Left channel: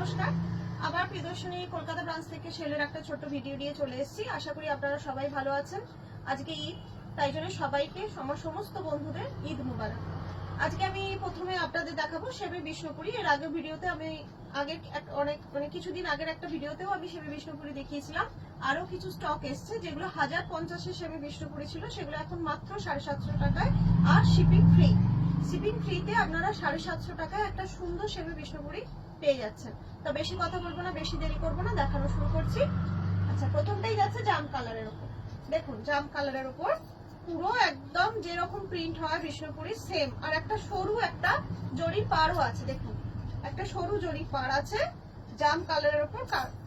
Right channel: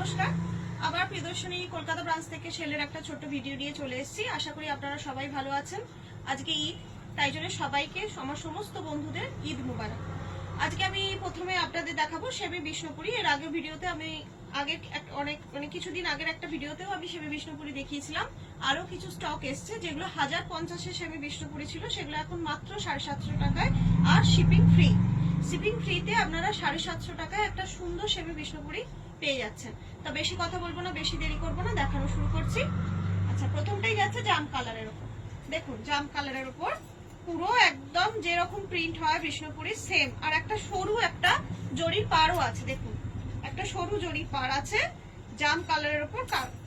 নমস্কার। আবার প্রিয়দর্শনী কলকাতা ব্রাঞ্চ থেকে সেলের একটা ছোট্ট ভিডিও নিয়ে চলে এসেছি। আশা করি আপনারা সবাই ভালো আছেন। আজকে ঈদ, তাই জন্য সবাইকে আমার সমস্ত বন্ধুদের ঈদ মুবারক। আজকে আমি প্রথমে আপনাদের দেখাবো সেমি বিষ্ণুপুরি। এর আগের ভিডিওতে আমি অনেক কিছুদিন আগের একটা ভিডিওতেও আমি সেমি বিষ্ণুপুরি দেখিয়েছিলাম। আরো কিছু স্টক এসছে যেগুলো 1050-এর সেমি বিষ্ণুপুরি ছিল, সেগুলো এখন মাত্র 750 টাকায় আর শিপিং ফ্রি। শিপিং ফ্রিতে আপনারা 750 টাকায় একটা সুন্দর সেমি বিষ্ণুপুরি পেয়ে যাচ্ছেন। তো বেশি কথা বলবো না, বেশি দেরি করবো না, দেখানো শুরু করছি। আচ্ছা, প্রথমটাই যাচ্ছে জাম কালারের উপর। দেখুন, জাম কালারের উপর পুরো একদম যেরকম প্রিন্ট হয় বিষ্ণুপুরি সেম, আর একটা সরু একটা জরির পাড়ও আছে। দেখুন, একটা সরু জরির পাড় আছে জাম কালারের উপর।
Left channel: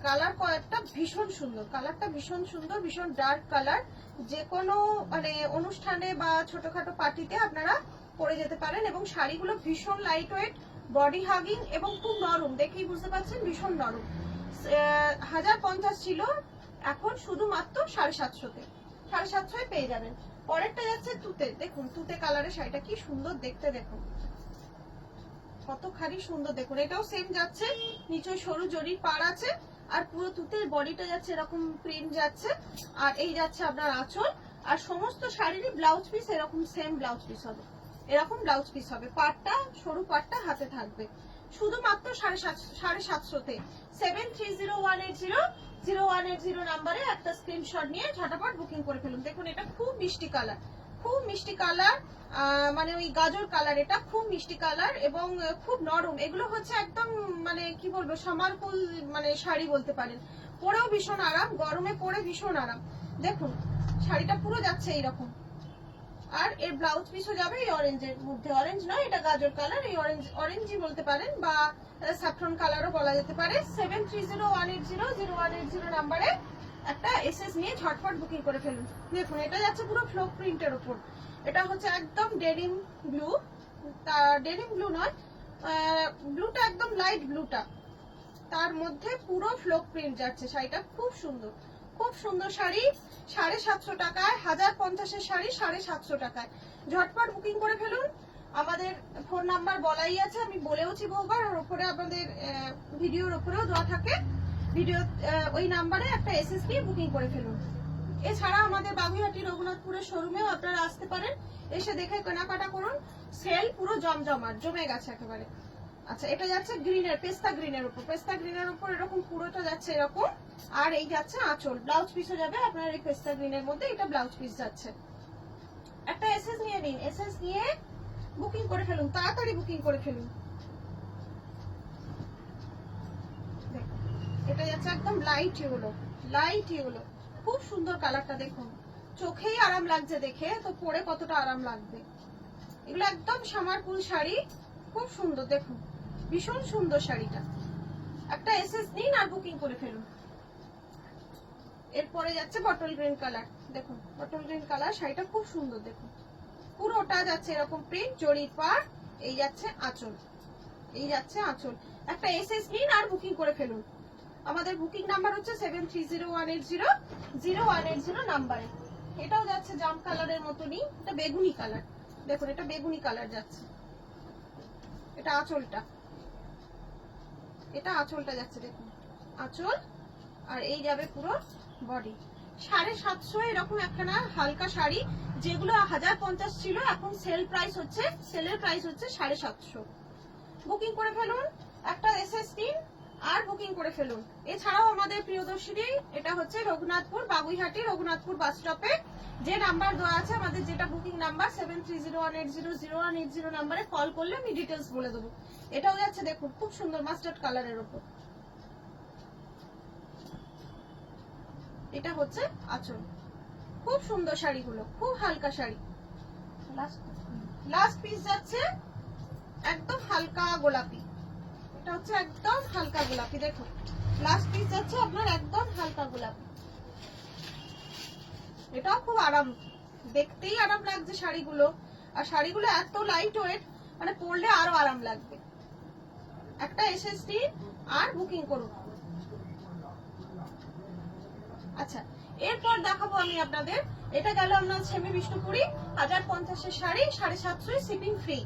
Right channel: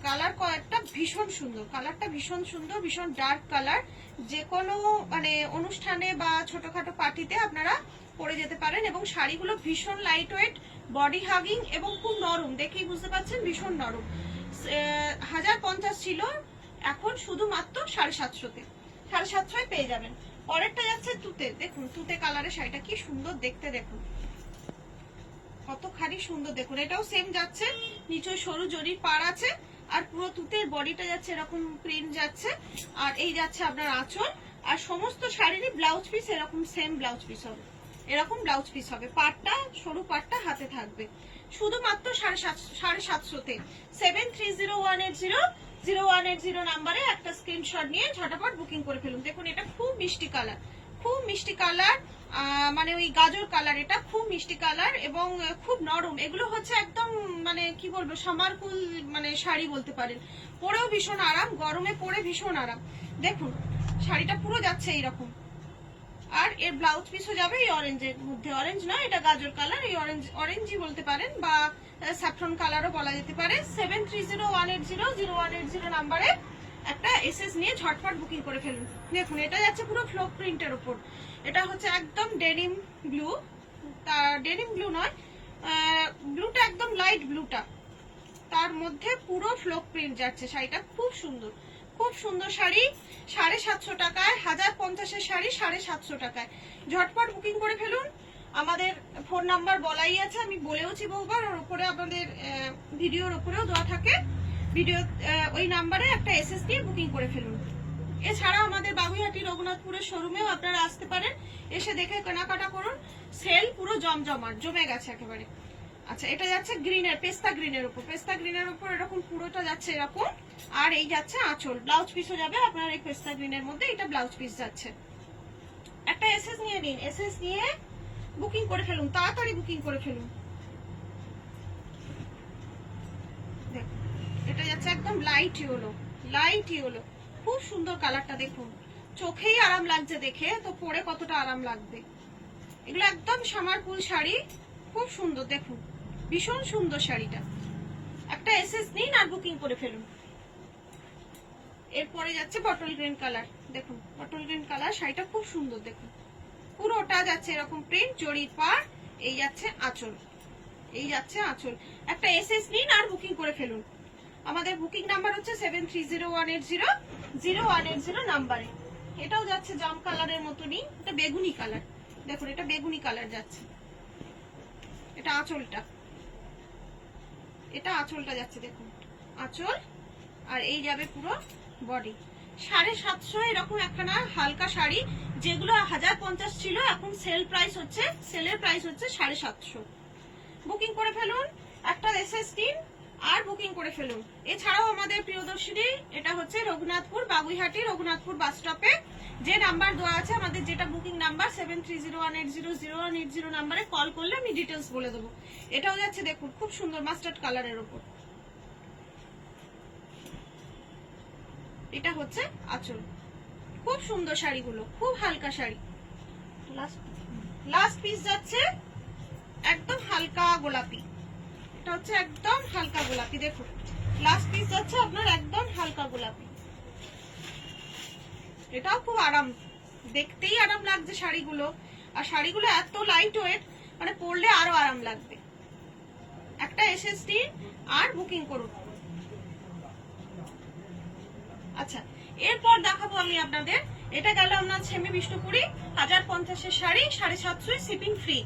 কালার কয়েকটা ভীষণ সুন্দর, কালারটা ভীষণ সুন্দর, ভীষণ ডার্ক কালার। যে কোনো মানে অনুষ্ঠানে বা ছোটখাটো পার্টিতে আপনারা পরে যেতে পারেন। এবং শাড়িগুলো ভীষণ লাইট ওয়েট, বডি হাগিং এবং খুব নরম। দেখেই বুঝতে পারছেন ভীষণ নরম। 1050 ছিল, এখন শুধুমাত্র 750-তে 750 পেয়ে যাবেন। পরেরটা যাচ্ছে তুতে। দেখুন, তুতে কালারের শাড়িটা কি সুন্দর দেখতে, দেখুন কতখানি সুন্দর। দেখুন, এটাও সেম যাচ্ছে, নিচে সরু জরির পাড় আছে, আর পুরো তুতের বডিটা যাচ্ছে এরকম প্রিন্ট যাচ্ছে। আর এই যাচ্ছে আপনার আঁচল, আর সমস্ত শাড়িরই ব্লাউজ পিস এরকম সেম ব্লাউজ পিস হবে, এরকম ব্লাউজ পিস হবে। পাড়টা সরু পাড়টা হাতে থাকবে, শুধুমাত্র 750-তে। 730180 নাম্বারে একটা স্ক্রিনশট নিয়ে ঝটাপট বুকিং করে ফেলুন। দেখুন, এটা খুব মিষ্টি কালার, খুব মিষ্টি কালার, মানে ওই গাজর কালার। এটা খুব মিষ্টি কালার এবং খুব নরম। এগুলো হচ্ছে একদম মানে কি বলবো, সামারকুল মানে শাড়ি বলতে পারেন। পরেও ভীষণ আরাম, গরমে পরে ভীষণ আরাম। দেখুন, শাড়িটা পুরো যাচ্ছে এইরকম, আর এর ব্লাউজ পিসও যাবে এই অরেঞ্জের মধ্যে। অরেঞ্জ নয়, এটা গাজর কালার, এই অরেঞ্জই বলতে পারেন বা স্যাফরন কালারও বলা যেতে পারে। 730180 নাম্বারে একটা এসএস নিয়ে ঝটপট বুকিং করে ফেলুন। দেখুন, এটা যাচ্ছে পুরো ফ্লোক প্রিন্টের উপর। এটা হচ্ছে একদম ডেনিম ব্লু, ডেনিম ব্লু নয়, ব্লুটা একদম লাইট ব্লুটা, তার মধ্যে পুরো ফ্লোক প্রিন্ট যাচ্ছে। শাড়িটা খুব সুন্দর, খুব সুন্দর শাড়ি। 750 টাকায়, 1050-এর শাড়ি 750 টাকায়। ঝটপট বুকিং করে ফেলুন। আমাদের ফোন নাম্বার বলাই আছে, আমি বলেওছি বহুবার, ওর উপরে আমাদের ভিডিওর উপরেও দেওয়া থাকে। ভিডিও ওই নাম্বারে একটা এসএস দিয়ে বুকিং করে ফেলুন। এছাড়া আমাদের বাগুইহাটি রঘুনাথপুরের শোরুমেও আপনারা আসতে পারেন, এসে দেখে কেনাকাটা করুন। সেল পুরো জমজমাট, জমে গেছে একেবারে। আচ্ছা, এটা যাচ্ছে গ্রিনের, পেস্তা গ্রিনের উপর। পেস্তা গ্রিনের উপর এরকম পুরোটা যাচ্ছে এরকম, আর এই যাচ্ছে আঁচল। ব্লাউজ পিসও যাবে আপনার এই পেস্তা গ্রিনের মধ্যে, এটা ব্লাউজ পিস যাচ্ছে। একটা এসএস নিয়ে নিন, এসএস নিয়ে বুকিং করে ফেলুন, তাড়াতাড়ি বুকিং করে ফেলুন। দেখুন, এটা যাচ্ছে একদম লাইট ইয়েলো, লাইট ইয়েলো, খুব সুন্দর কালারটা। দেখুন, চোখেই আরাম লাগছে দেখে, তো পরে কতটা আরাম লাগবে। এগুলো একদম সামারকুল শাড়ি, খুব সুন্দর। দেখুন, ভীষণ সুন্দর শাড়িটা। একটা এসএস নিন আর বুকিং করে ফেলুন। এরপরে যাচ্ছে বটল গ্রিন কালার। দেখুন, বটল গ্রিন কালার শাড়িটা খুব সুন্দর। দেখুন, পুরোটা যাচ্ছে এরকম প্রিন্ট, জরির পাড়, এই যাচ্ছে আঁচল, এই যাচ্ছে আঁচল। একটা এসএস নিন আর বুকিং করে ফেলুন। আমাদের বুকিং নাম্বার হচ্ছে 730180 নাম্বারে। এটাও যাচ্ছে জাম কালারের মতনই, এটা বেগুনি কালার। দেখুন, এটা বেগুনি কালার যাচ্ছে। এটা আঁচলটা, এটা আঁচলটা যাচ্ছে। দেখুন, আঁচল, আর এই যাবে পুরো বডি। 750 এরকম একখানা হালকা শাড়ি, যেগুলো 1050 ছিল, এখন সেল প্রাইস হচ্ছে, সেলের প্রাইস হচ্ছে 750। বুকিং করে ফেলুন, একটা এসএস দিন আর বুকিং করে ফেলুন। এছাড়াও আমাদের প্রিয়দর্শিনী, এটা হচ্ছে রঘুনাথপুর, বাগুইহাটি রঘুনাথপুর বাস স্টপে যে নাম্বার দেওয়া আছে আমাদের, যেটা বুকিং নাম্বার 730180 নাম্বারে কল করলে আমি ডিটেলস বলে দেবো। এটাও যাচ্ছে, দেখুন খুব সুন্দর মাস্টার্ড কালারের উপর। এটা হচ্ছে আঁচল। খুব সুন্দর শাড়িগুলো, খুব হালকা শাড়ি। লাস্ট পিস যাচ্ছে একদম হালকা গোলাপি। এটা হচ্ছে একদম হালকা গোলাপি। দেখুন, লাস্ট পিস যাচ্ছে আপনার একদম হালকা গোলাপি। এটাও খুব আরাম, দেখতেই আরাম লাগছে শাড়িগুলো, আর শাড়িগুলো এত লাইট ওয়েট, মানে পরলে আরো আরাম লাগবে। একটা এসএসটি আর বুকিং করুন। আচ্ছা, এরপর দেখাবো আমি আপনাদের, এটা গেল আপনার সেমি বিষ্ণুপুরি 1050-এর শাড়ি 750 শিপিং ফ্রি।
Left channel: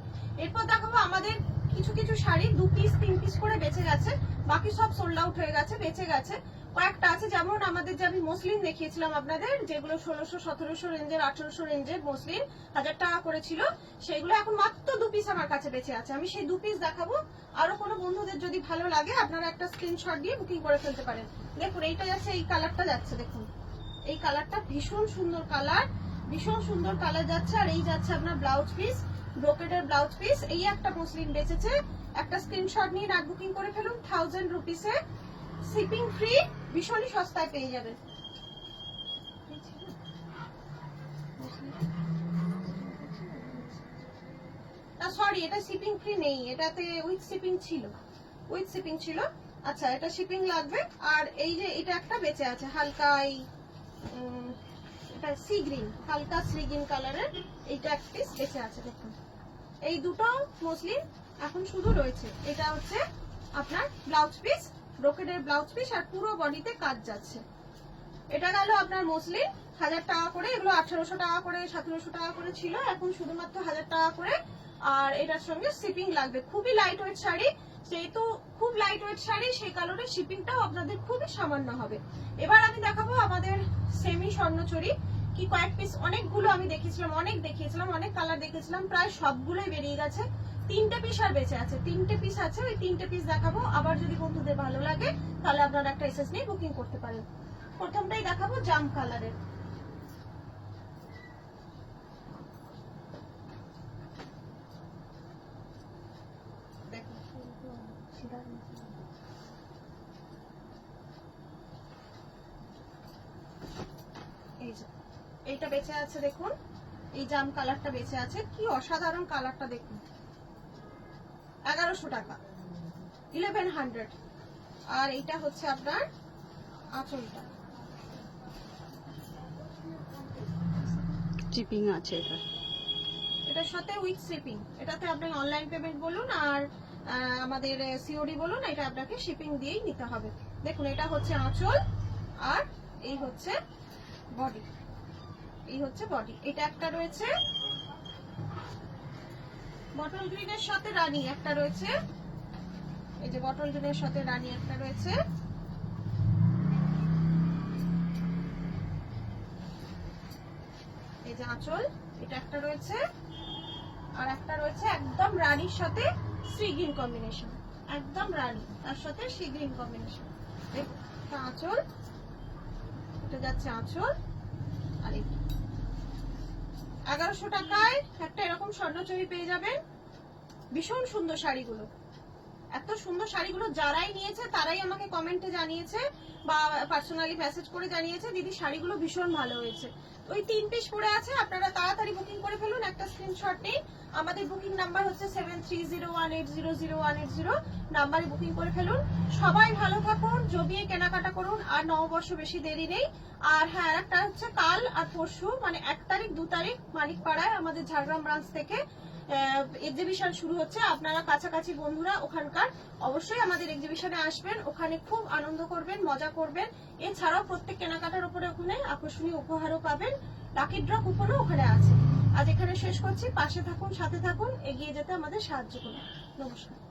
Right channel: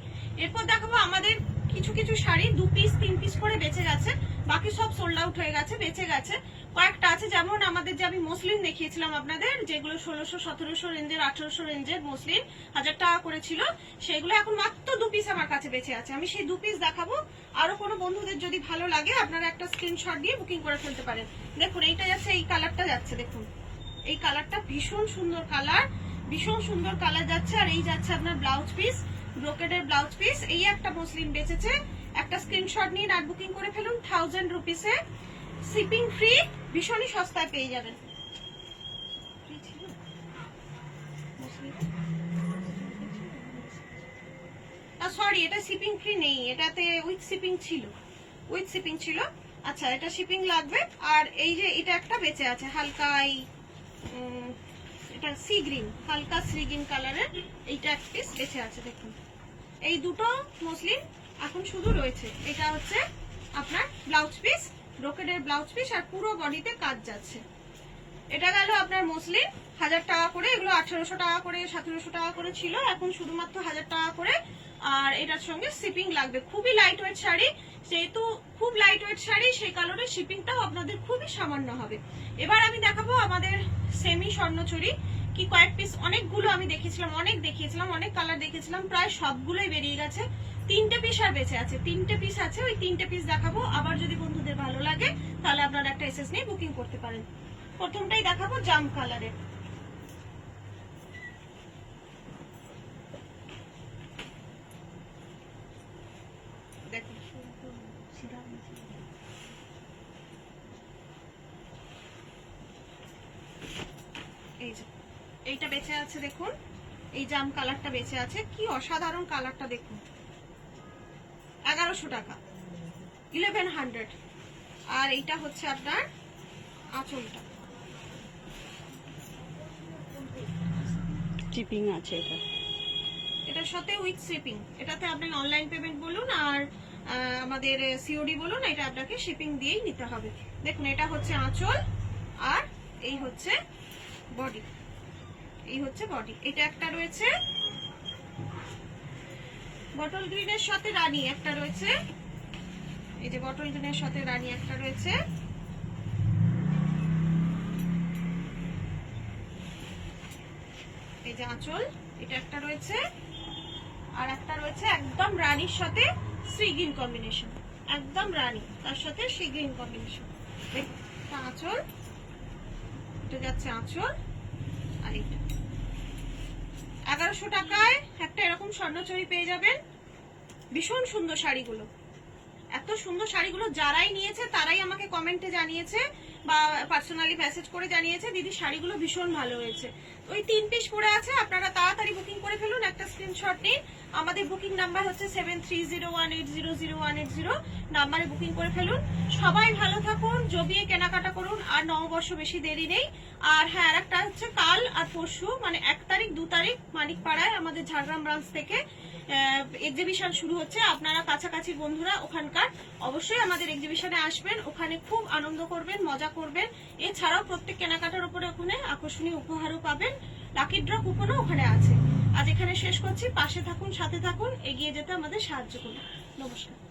এরপর দেখাবো আমাদের কিছু কিছু শাড়ি 2 পিস 3 পিস করে বেঁচে গেছে, বাকি সব সোল্ড আউট হয়ে গেছে, বেঁচে গেছে। কয়েকটা আছে, যেমন আমাদের যে আমি মসলিন দেখিয়েছিলাম আপনাদের, যেগুলো 1600 1700 রেঞ্জের 1800 রেঞ্জের মসলিন 1000 টাকা করে ছিল, সেগুলো এখন মাত্র 2 পিস আমার কাছে বেঁচে আছে। আমি সেই 2 পিস দেখাবো। আরো কোনো বন্ধুদের যদি ভালো লাগে আপনারা একটা স্ক্রিনশট দিয়ে বুকিং করে ফেলতে পারেন। দেখুন এইটা যাচ্ছে, এই কালারটা যাচ্ছে, দেখুন এই কালারটা ভীষণ সুন্দর কালার, ভীষণ সুন্দর কালার যাচ্ছে। আর এই যাচ্ছে আপনার ব্লাউজ পিস, ব্রোকেডের ব্লাউজ পিস। এই একটা মসলিন বেঁচেছে, একটা স্ক্রিনশট নিয়ে রাত বুকিং করে ফেলুন। 1000 রুপিসে শিপিং ফ্রি, ভীষণই সস্তায় পেয়ে যাবেন। সরি, এটা শিপিং ফ্রি নেই, এটাতে উইথ শিপিং ছিল, উইথ শিপিং ছিল। আচ্ছা, এটা শিপিং লাগবে। আর এই যে এটা একটা বেঁচে আছে হালকা, এটা সি গ্রিন, হালকা সি গ্রিন কালারের, এইটা এক পিস বেঁচে আছে। দেখুন এই দুটো মসলিন এখন শুধু রয়েছে। এটা হচ্ছে আপনার ব্লাউজ পিস, ব্রোকেডের ব্লাউজ পিস, আর পুরো বডিতে কাজ যাচ্ছে। এটা গেল আপনার মসলিন 1000 টাকা করে, এগুলো 1800 টাকা করে 1700 টাকা করে ছিল, এখন শুধুমাত্র 1000 টাকা করে। আর এটার সঙ্গে শিপিং লাগবে। খুবই লাইট ওয়েট শাড়ি, যেহেতু খুব লাইট ওয়েট শাড়ি সেই কারণে শিপিংটাও আপনাদের খুবই সামান্য হবে। এবার আমি দেখাবো আমাদের সেমি স্বর্ণচুরি, কি কয়েক পিস, অনেকগুলো আমি দেখিয়েছিলাম, অনেক দেখিয়েছিলাম, অনেক কালার দেখিয়েছিলাম, প্রায় সবগুলোই বেরিয়ে গেছে। 3টে পিস আর বেঁচে আছে, 3টে পিস আছে, ওই 3টে পিস দেখাবো। আবার যদি বন্ধুদের ভালো লাগে তাহলে আপনারা একটা এসএস নিয়ে বুকিং করতে পারেন। প্রথমটাই দেখাবো জাম কালারের। এই যে এইটা বেঁচে আছে, দেখুন এই জাম কালারটা বেঁচে আছে, কি অসাধারণ কালারটা দেখুন। 1100 টাকা, 1100। আর এইটা হচ্ছে আপনার আঁচলটা, শিপিং আছে এটা, এটার সাথে উইথ শিপিং। এটাতে আপনি অনলাইন পেমেন্ট বলুন আর আমাদের সিওডি বলুন, এটা আপনাকে শিপিং দিয়েই নিতে হবে। দেখুন এটা হচ্ছে আঁচল, আর এই হচ্ছে বডি, এই হচ্ছে বডি। এটা একটা রয়েছে বটল গ্রিনের সাথে রানী, একটা রয়েছে, এই যে বটল গ্রিনের সাথে রানী একটা রয়েছে। এই যে আঁচল, এটা একটা রয়েছে, আর একটা রয়েছে একদম রানীর সাথে সি গ্রিন কম্বিনেশন, একদম রানী তার সাথে সি গ্রিন কম্বিনেশন। দেখুন এটা আঁচল, এটা যাচ্ছে আঁচল, আর এটা 1100 টাকায় একটা এরকম স্বর্ণচুরি পেয়ে যাবেন। ভীষণ সুন্দর শাড়িগুলো, এত সুন্দর শাড়িগুলো যারাই নিয়েছে তারাই আমাকে কমেন্টে জানিয়েছে বা পার্সোনালি মেসেজ করে জানিয়েছে, দিদি শাড়িগুলো ভীষণ ভালো হয়েছে। ওই 3 পিস পড়ে আছে, আপনারা তাড়াতাড়ি বুকিং করে ফেলুন, একটা স্ক্রিনশট নিন। আমাদের বুকিং নাম্বার হচ্ছে 7301800180, নাম্বারে বুকিং করে ফেলুন। সবাই ভালো থাকুন, জমিয়ে কেনাকাটা করুন, আর নববর্ষ বেশি দেরি নেই। আর হ্যাঁ, আরেকটা হচ্ছে কাল আর পরশু, মানে 1 তারিখ 2 তারিখ মানিকপাড়ায় আমাদের ঝাড়গ্রাম ব্রাঞ্চ থেকে এক্সিবিশন শুরু হচ্ছে। আপনারা কাছাকাছি বন্ধুরা ওখানকার অবশ্যই আমাদের এক্সিবিশনে আসবেন, ওখানে খুব আনন্দ করবেন, মজা করবেন। এছাড়াও প্রত্যেক কেনাকাটার উপরে ওখানে আকর্ষণীয় উপহারও পাবেন, লাকি ড্র কুপনও ওখানে আছে। আজ এখানে শেষ করছি, পাশে থাকুন, সাথে থাকুন, এগিয়ে যেতে আমাদের সাহায্য করুন। নমস্কার।